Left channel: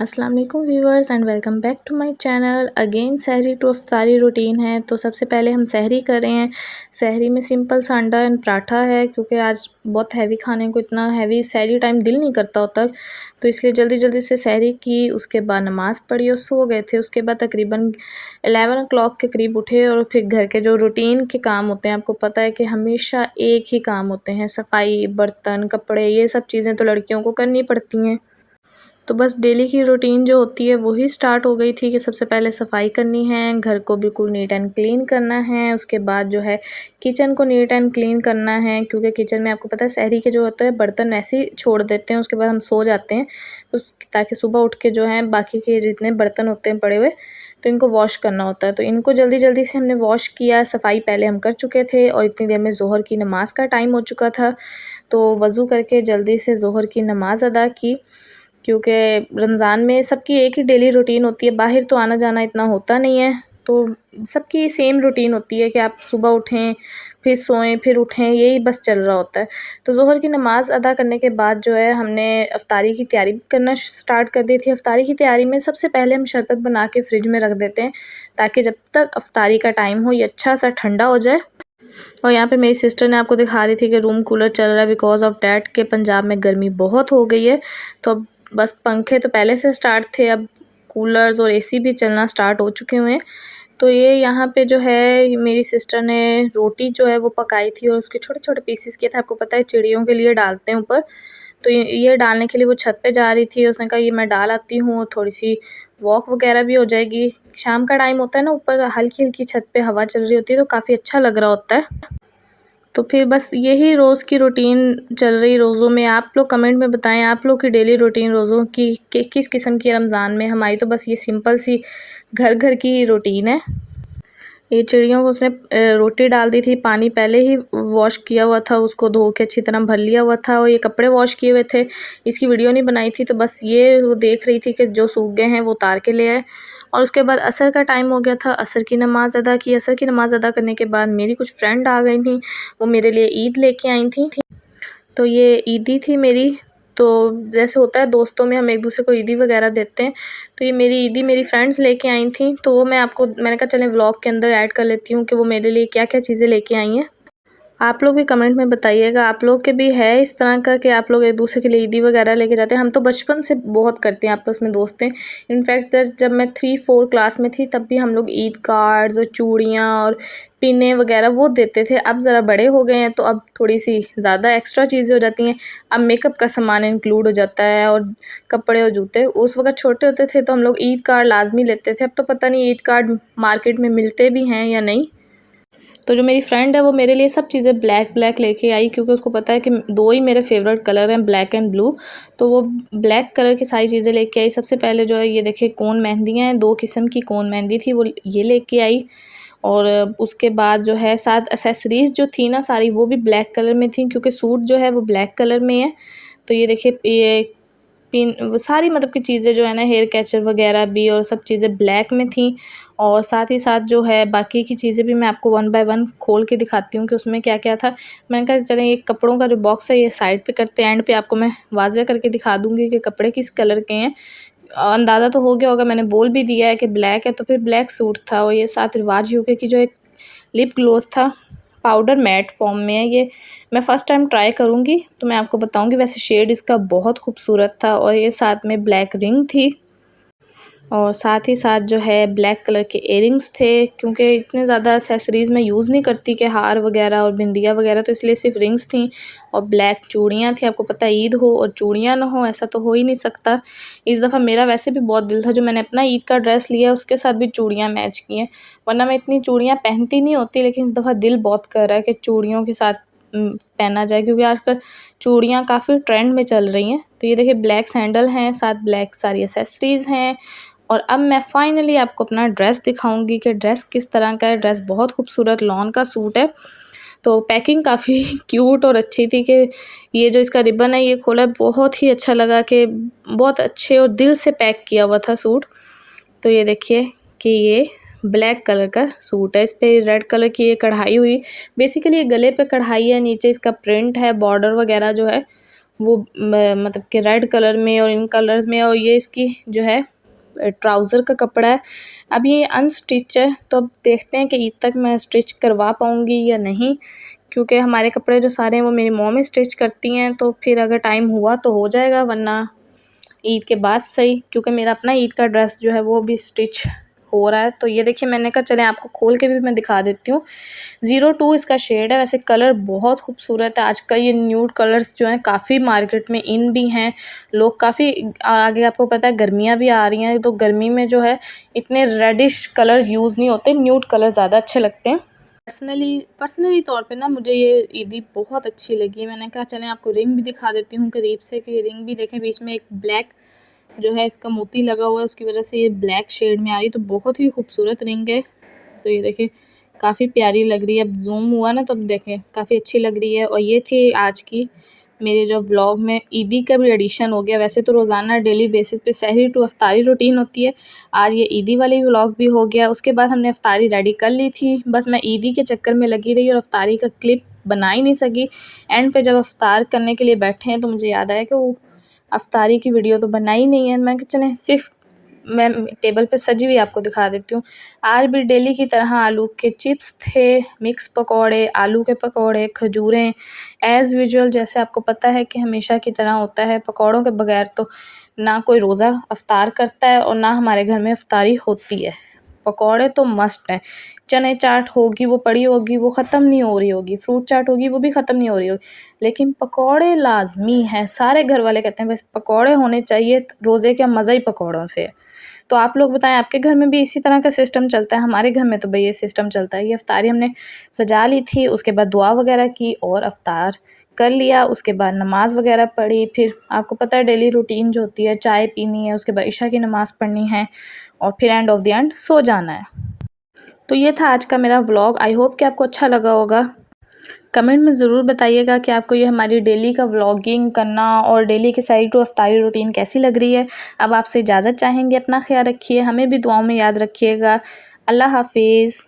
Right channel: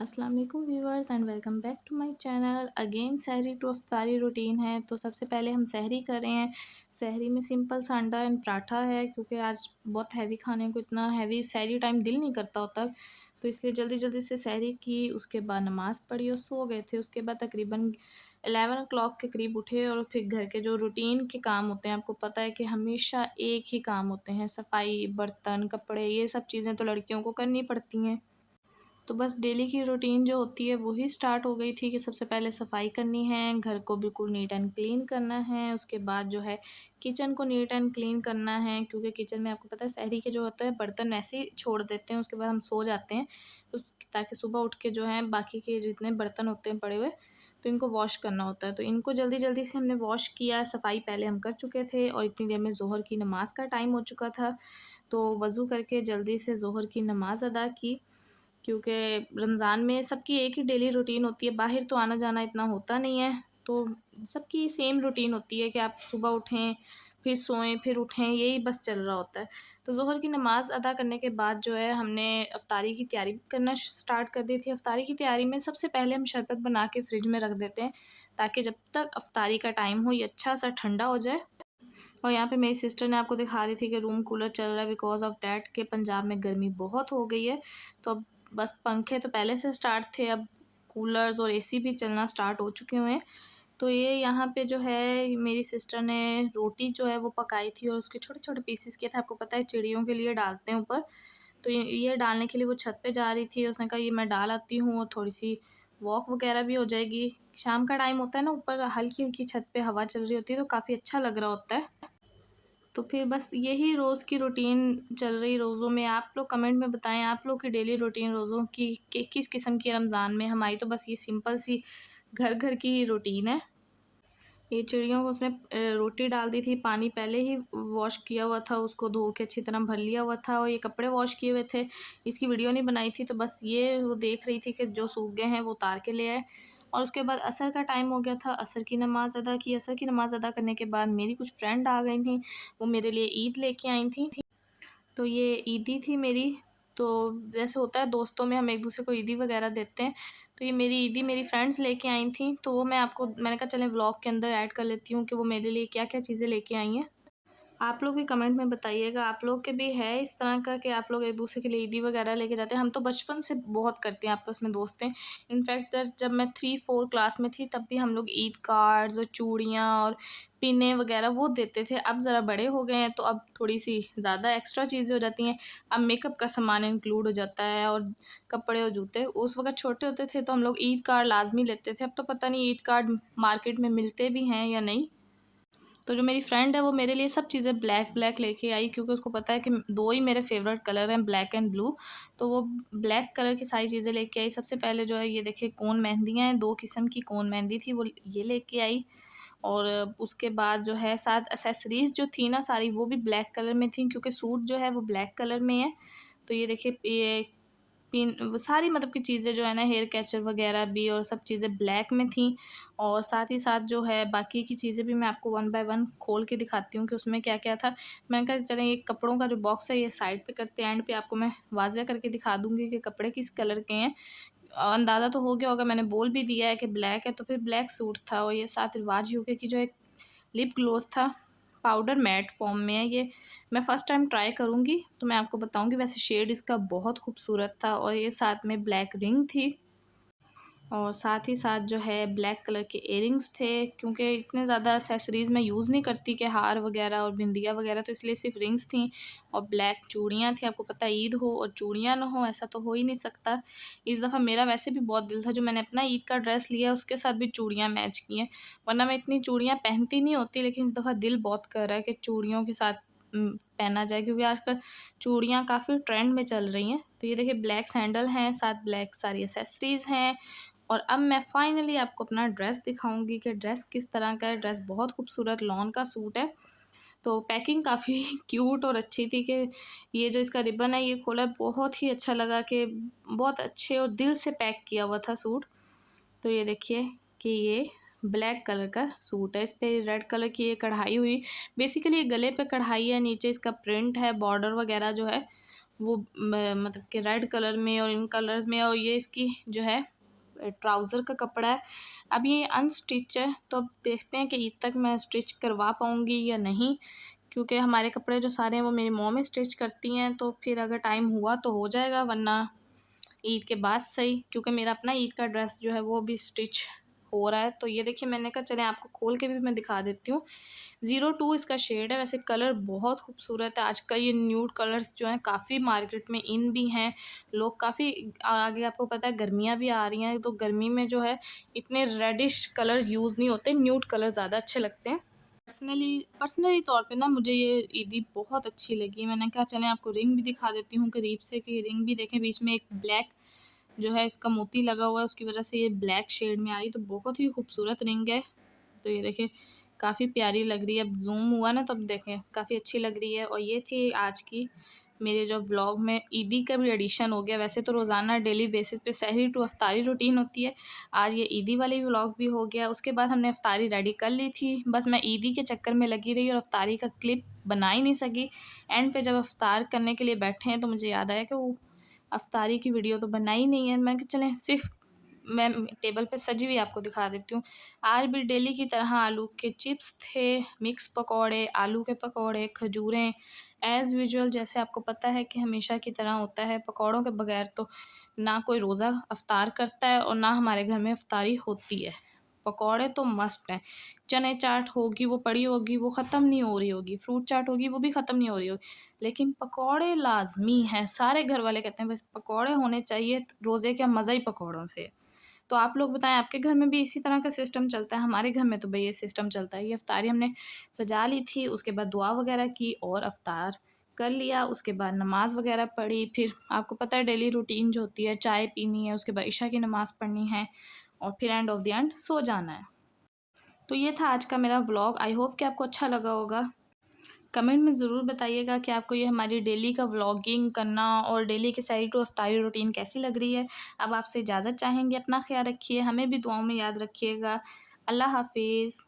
अस्सलाम वालेकुम viewers and welcome back to my channel. Again सहरी टू अफ्तारी रूटीन है। तो सबसे पहले हम सहरी कर रहे हैं। सहरी में सिंपल सा अंडा एंड पराठा है, क्योंकि आज बहुत हैवी खाने को, इतना हैवी सहरी टाइम दिल नहीं करता होता, तो इसलिए जल्दी जल्दी से सहरी की। उसके बाद नमाज़ पढ़ी और सो गए थे। उसके बाद तकरीबन 11 o'clock के करीब उठे और फिर घर के जो रूटीन के काम होते हैं, आपको पता है कि हमेशा एक ही काम होते हैं, सफाई, बर्तन, कपड़े, ये सब चीज़ें तो लड़कियों को करनी पड़ती हैं। तो बस डेली की रूटीन जो होती है वही स्टार्ट हो गई थी कि सबसे पहले सफाई करनी है, घर को बिल्कुल नीट एंड क्लीन करना है। उसके बाद जो है किचन को नीट एंड क्लीन करना है, क्योंकि किचन में आपको पता है सहरी के जो होते हैं बर्तन वैसे ही छोड़ देते हैं, उसके बाद हम सो जाते हैं ताकि सुबह उठ के जो है बाकी के जितने बर्तन होते हैं पड़े हुए, तो इनको वॉश करना होता है। तो इनको जल्दी जल्दी से हमने वॉश किया। सफाई पहले हम कर चुके थे और इतनी देर में ज़ोहर की नमाज़ का टाइम हो चुका था, तो वज़ू करके जल्दी से ज़ोहर की नमाज़ अदा की। क्योंकि रमज़ान में सबकी एक ही डेली रूटीन होती है, बाहर तो आना जाना इतना होता नहीं है, तो सबकी सेम रूटीन होती है कि आप सुबह उठें, फिर सोएं, फिर उठें, यही बस चल रहा होता है। तो ज़ोहर की नमाज़ अदा करने के बाद जो है हमने इफ्तारी की तैयारी करना स्टार्ट कर दी थी। इफ्तारी की तैयारी में सबसे पहले हम शरबत बना के फ्रिज में रख देते हैं, ताकि जब तक इफ्तारी का टाइम हो ये अच्छा सा ठंडा हो जाए। और यहाँ पे मेरी सिस्टर ने आपको दिखा रही थी कि रूम कूलर चल रहा है, बिकॉज़ ऑफ़ डैट के पंजाब में गर्मी बहुत हो गई है। तो अब बस पंखे तो पहले से स्टार्ट थे, अब कूलर्स और एसी भी चलना स्टार्ट हो चुके हुए हैं। तो ये यहाँ पे जो है मेरी सिस्टर ने रोटी जो है वो पकाई थी और उसके छोटे-छोटे पीसेस किए थे। आपको पता है चिड़ियों के लिए डालते हैं ऊपर, तो ये डालने के लिए वो छत पे जा रही थी। उसने कहा ये मैं डाल आती हूँ, थोड़ी-सी वॉक वगैरह भी हो जाएगी। शाम का टाइम होता है ना, ऊपर हल्की-हल्की छत पे हवा चल रही होती है, तो काफ़ी अच्छा लग रहा होता है। तो फिर बस यही रोज़ की रूटीन चल रही रोज़ों में। आप लोग कमेंट में बताएं आप लोग की डेली रूटीन रोज़ों की किस किस्म की है रमज़ान में। हमारी तो बस ये सिंपल सी घर घर की रूटीन है। ये चिड़ियों को उसने रोटी डाल दी थी, पानी पहले ही वॉश किया हुआ था, उसको धो के अच्छी तरह भर लिया हुआ था, और ये कपड़े वॉश किए हुए थे। इसकी वीडियो नहीं बनाई थी, तो बस ये वो देख रही थी कि जो सूख गए हैं वो उतार के ले आए। और उसके बाद असर का टाइम हो गया था, असर की नमाज़ अदा की। असर की नमाज़ अदा करने के बाद मेरी कुछ फ्रेंड आ गई थी, वो मेरे लिए ईद लेके आई थी। तो ये ईदी थी मेरी। तो जैसे होता है दोस्तों में हम एक-दूसरे को ईदी वग़ैरह देते हैं, तो ये मेरी ईदी मेरी फ्रेंड्स लेके आई थी, तो वो मैंने कहा चलें व्लॉग के अंदर ऐड कर लेती हूँ कि वो मेरे लिए क्या-क्या चीज़ें लेके आई हैं। आप लोग भी कमेंट में बताइएगा, आप लोग के भी है इस तरह का कि आप लोग एक-दूसरे के लिए ईदी वगैरह लेके जाते हैं? हम तो बचपन से बहुत करते हैं, आपस में दोस्त हैं। इनफैक्ट जब मैं 3-4 क्लास में थी तब भी हम लोग ईद कार्ड्स और चूड़ियाँ और पिनें वगैरह वो देते थे। अब ज़रा बड़े हो गए हैं, तो अब थोड़ी-सी ज़्यादा एक्स्ट्रा चीज़ें हो जाती हैं। अब मेकअप का सामान इंक्लूड हो जाता है और कपड़े और जूते। उस वक़्त छोटे होते थे तो हम लोग ईद कार्ड लाज़मी लेते थे। अब तो पता नहीं ईद कार्ड मार्केट में मिलते भी हैं या नहीं। तो जो मेरी फ्रेंड है वो मेरे लिए सब चीज़ें ब्लैक ब्लैक लेके आई, क्योंकि उसको पता है कि 2 ही मेरे फ़ेवरेट कलर हैं, ब्लैक एंड ब्लू। तो वो ब्लैक कलर की सारी चीज़ें लेके आई। सबसे पहले जो है ये देखिए कोन मेहंदियाँ हैं, 2 किस्म की कोन मेहंदी थी, वो ये लेके आई। और उसके बाद जो है साथ एक्सेसरीज़ जो थी ना सारी, वो भी ब्लैक कलर में थी, क्योंकि सूट जो है वो ब्लैक कलर में है। तो ये देखिए ये पिन वो सारी मतलब की चीज़ें जो है ना, हेयर कैचर वगैरह भी और सब चीज़ें ब्लैक में थी। और साथ ही साथ जो है बाकी की चीज़ें भी मैं आपको वन बाय वन खोल के दिखाती हूँ कि उसमें क्या-क्या था। मैंने कहा चलें ये कपड़ों का जो बॉक्स है ये साइड पे करते हैं, एंड पे आपको मैं वाज़ह करके दिखा दूँगी कि कपड़े किस कलर के हैं। अंदाज़ा तो हो गया होगा, मैंने बोल भी दिया है कि ब्लैक है, तो फिर ब्लैक सूट था। और ये साथ रिवाज यूके की जो एक लिप ग्लोस था, पाउडर मैट फॉर्म में है ये। मैं फ़र्स्ट टाइम ट्राई करूँगी तो मैं आपको बताऊँगी। वैसे शेड इसका बहुत खूबसूरत था। और ये साथ में ब्लैक रिंग थी, और साथ ही साथ जो है ब्लैक कलर के इयररिंग्स थे, क्योंकि इतने ज़्यादा एक्सेसरीज़ मैं यूज़ नहीं करती कि हार वगैरह और बिंदिया वगैरह, तो इसलिए सिर्फ रिंग्स थी। और ब्लैक चूड़ियाँ थी। आपको पता है ईद हो और चूड़ियाँ ना हो, ऐसा तो हो ही नहीं सकता। इस दफ़ा मेरा वैसे भी बहुत दिल था, जो मैंने अपना ईद का ड्रेस लिया उसके साथ भी चूड़ियाँ मैच की हैं, वरना मैं इतनी चूड़ियाँ पहनती नहीं होती, लेकिन इस दफ़ा दिल बहुत कर रहा है कि चूड़ियों के साथ पहना जाए, क्योंकि आजकल चूड़ियाँ काफ़ी ट्रेंड में चल रही हैं। तो ये देखिए ब्लैक सैंडल हैं, साथ ब्लैक सारी एक्सेसरीज़ हैं। और अब मैं फाइनली आपको अपना ड्रेस दिखाऊंगी कि ड्रेस किस तरह का है। ड्रेस बहुत खूबसूरत लॉन का सूट है। तो पैकिंग काफ़ी क्यूट और अच्छी थी कि ये जो इसका रिबन है ये खोला, बहुत ही अच्छा लगा कि बहुत अच्छे और दिल से पैक किया हुआ था सूट। तो ये देखिए कि ये ब्लैक कलर का सूट है, इस पे रेड कलर की ये कढ़ाई हुई। बेसिकली ये गले पे कढ़ाई है, नीचे इसका प्रिंट है, बॉर्डर वगैरह जो है वो मतलब कि रेड कलर में और इन कलर्स में, और ये इसकी जो है ट्राउज़र का कपड़ा है। अब ये अनस्टिच है, तो अब देखते हैं कि ईद तक मैं स्टिच करवा पाऊँगी या नहीं, क्योंकि हमारे कपड़े जो सारे हैं वो मेरी मॉम ही स्टिच करती हैं, तो फिर अगर टाइम हुआ तो हो जाएगा, वरना ईद के बाद सही, क्योंकि मेरा अपना ईद का ड्रेस जो है वो भी स्टिच हो रहा है। तो ये देखिए, मैंने कहा चलें आपको खोल के भी मैं दिखा देती हूँ। 02 इसका शेड है। वैसे कलर बहुत खूबसूरत है। आजकल ये न्यूड कलर्स जो हैं काफ़ी मार्केट में इन भी हैं। लोग काफ़ी आगे, आपको पता है गर्मियाँ भी आ रही हैं, तो गर्मी में जो है इतने रेडिश कलर यूज़ नहीं होते, न्यूड कलर ज़्यादा अच्छे लगते हैं। पर्सनली तौर पे ना मुझे ये ईदी बहुत अच्छी लगी। मैंने कहा चलें आपको रिंग भी दिखा देती हूँ करीब से, कि ये रिंग भी देखें, बीच में एक ब्लैक जो है इसका मोती लगा हुआ है, उसकी वजह से ये ब्लैक शेड में आ रही है, तो बहुत ही खूबसूरत रिंग है। तो ये देखिए काफ़ी प्यारी लग रही है। अब जूम हुआ ना, तो अब देखें काफ़ी अच्छी लग रही है। और ये थी आज की मेरे जो व्लॉग में ईदी का भी एडिशन हो गया। वैसे तो रोज़ाना डेली बेसिस पे सहरी टू अफ्तारी रूटीन होती है, आज ये ईदी वाली व्लॉग भी हो गया। उसके बाद हमने अफ्तारी रेडी कर ली थी, बस मैं ईदी के चक्कर में लगी रही और अफ्तारी का क्लिप बना ही नहीं सकी। एंड पे जब अफ्तार करने के लिए बैठे हैं तो मुझे याद आया कि वो अफ्तारी की वीडियो तो बनाई नहीं है। मैं कहा चलें सिर्फ मैं टेबल पे सजी हुई आपको दिखा देती हूँ। आज भी डेली की तरह आलू के चिप्स थे, मिक्स पकौड़े, आलू के पकौड़े, खजूरें, एज़ यूजुअल जैसे आपको पता है कि हमेशा की तरह होता है। पकौड़ों के बगैर तो ना कोई रोज़ा अफ्तार करता है और ना हमारे घर में अफ्तारी होती है। पकौड़े तो मस्ट हैं। चने चाट होगी, वो पड़ी होगी, वो ख़त्म नहीं हो रही होगी, फ्रूट चाट होगी, वो भी ख़त्म नहीं हो रही होगी, लेकिन पकौड़े लाज़मी हैं। सारे घर वाले कहते हैं बस पकौड़े होने चाहिए, रोज़े का मज़ा ही पकौड़ों से है। तो आप लोग बताएं, आपके घर में भी इसी तरह का सिस्टम चलता है? हमारे घर में तो भई ये सिस्टम चलता है। ये अफ्तारी हमने सजा ली थी, उसके बाद दुआ वगैरह की और अफ्तार कर लिया। उसके बाद नमाज़ वगैरह पढ़ी, फिर आपको पता है डेली रूटीन जो होती है, चाय पीनी है, उसके बाद इशा की नमाज़ पढ़नी है और फिर end of the and so जाना है। तो ये था आज का मेरा व्लॉग। आई होप कि आपको अच्छा लगा होगा। कमेंट में ज़रूर बताइएगा कि आपको ये हमारी डेली का व्लॉगिंग करना और डेली की सहरी टू अफ्तारी रूटीन कैसी लग रही है। अब आपसे इजाज़त चाहेंगे। अपना ख्याल रखिए, हमें भी दुआओं में याद रखिएगा। अल्लाह हाफ़िज़।